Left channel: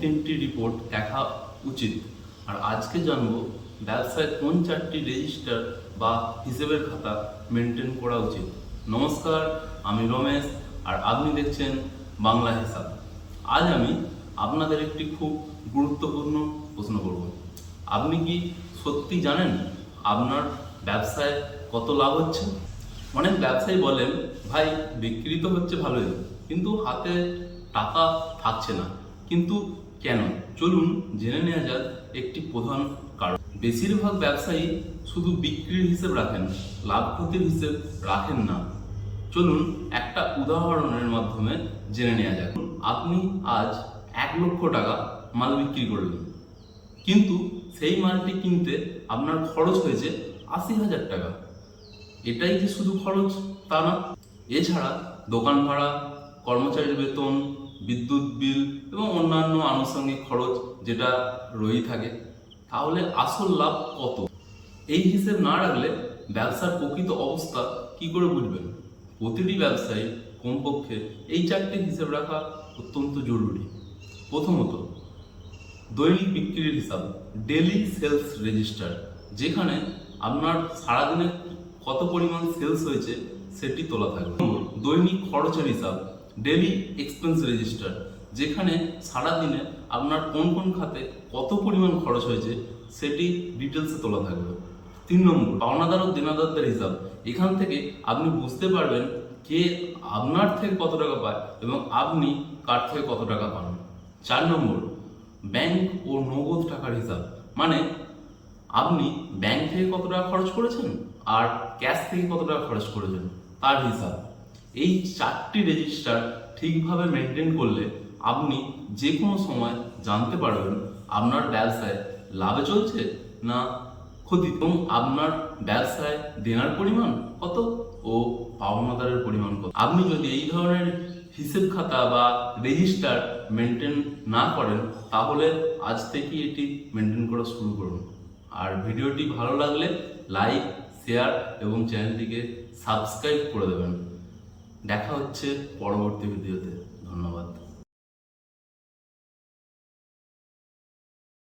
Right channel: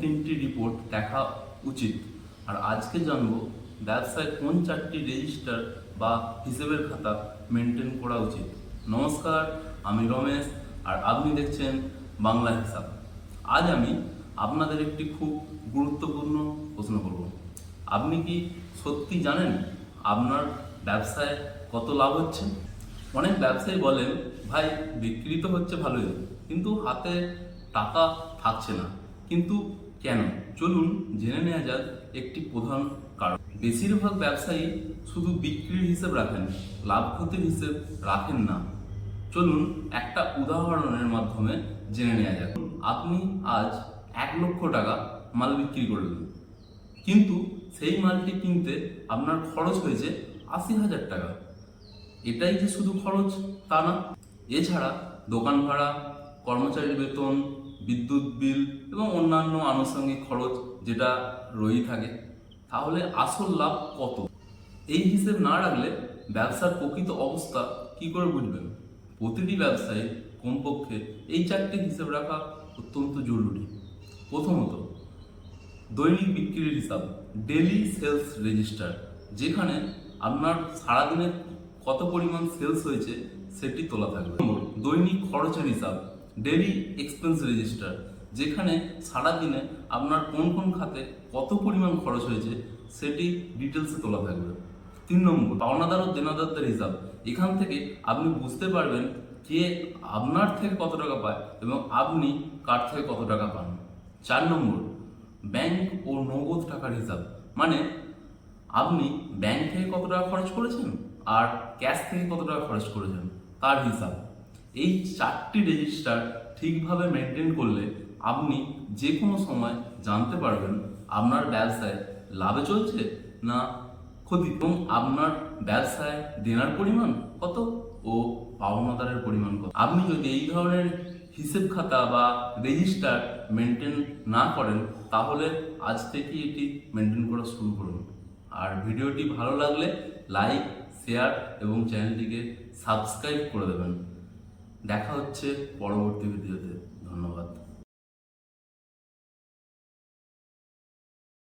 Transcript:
3টি রিপোর্ট দেখা উচিত। আর আজকে জানবো ব্যবসায় কোন 4টি রেজিস্টার বা হিসেবের খাতা মেনটেন করা উচিত। নমস্কার, আমি রমেশ আর আপনি দেখছেন বাংলা হিসাব। আজ আমি আপনাদের একটি খুব গুরুত্বপূর্ণ প্রশ্ন করব। আপনি কি সত্যি জানেন আপনার ব্যবসায় কত লাভ হচ্ছে? অনেক ব্যবসায়ী বলেন, ভাই বিক্রি তো হচ্ছে ভালোই, কিন্তু হাতে টাকা থাকছে না। কিন্তু কেন? চলুন জেনে নেওয়া যাক একটি প্রধান কারণ। বেশিরভাগ ব্যবসায়ী শুধু বিক্রির হিসেব রাখেন, লাভ ক্ষতির হিসেব রাখেন না। চলুন একটা উদাহরণের মাধ্যমে জেনে নেওয়া যাক। আপনি আজ 1,00,000 টাকা মাল বিক্রি করলেন, কিন্তু সেই মালটি কিনতে আপনার খরচ হয়েছে 80,000 টাকা। এটাই যে শুধু খরচ তা না, এছাড়া দোকান ভাড়া, কর্মচারীর বেতন, বিদ্যুৎ বিল এবং অন্যান্য আনুষঙ্গিক খরচ যেটা রয়েই থাকে। তাহলে আসল লাভ কত? এই হিসেব না রাখলে ব্যবসার প্রকৃত অবস্থা কি করে বুঝবেন? প্রতিটি ব্যবসায়ী কমপক্ষে এই 4টি হিসেব রাখা অত্যন্ত জরুরি। প্রথমত, দৈনিক বিক্রির হিসাব, ডেলি সেলস রেজিস্টার, যেখানে আপনার সারাদিনে কত পরিমাণ সেলস হয়েছে সেটি তোলা থাকবে। দৈনিক খরচের হিসাব, ডেলি এক্সপেন্স রেজিস্টার, যেখানে সারাদিনে আপনার কোন কোন খাতে কত পরিমাণ খরচ হয়েছে সেটি ডিটেলসে তোলা থাকবে। 3 নম্বর, পাওনাদার ও দেনাদারদের হিসাব, এখান থেকে আপনি বুঝতে পারবেন কে আপনার থেকে কত টাকা পায় এবং আপনি কার থেকে কত টাকা পান। 4 নম্বর, ব্যাংক ও নগদ টাকার হিসাব, মানে আপনি ব্যাংক থেকে কত টাকা খরচ করেছেন আর ক্যাশ থেকে কত টাকা খরচ করেছেন তার হিসাব। এই 4টি রেজিস্টার ঠিকভাবে মেনটেন করলে আপনি যে কোনো সময় জানতে পারবেন আপনার ব্যবসায় লাভে চলছে না ক্ষতি, এবং আপনার ব্যবসায় দেনার পরিমাণ কত ও পাওনাদারের পরিমাণ কত। আপনি যদি এই ধরনের হিসেব খাতা বা রেজিস্টার মেনটেন না করেন, তাহলে আজ থেকেই এটি মেনটেন করা শুরু করুন। আর ভিডিওটি ভালো লাগলে লাইক, শেয়ার এবং চ্যানেলটিকে সাবস্ক্রাইব করে দেবেন। দেখা হচ্ছে পরবর্তী ভিডিওতে। ধন্যবাদ।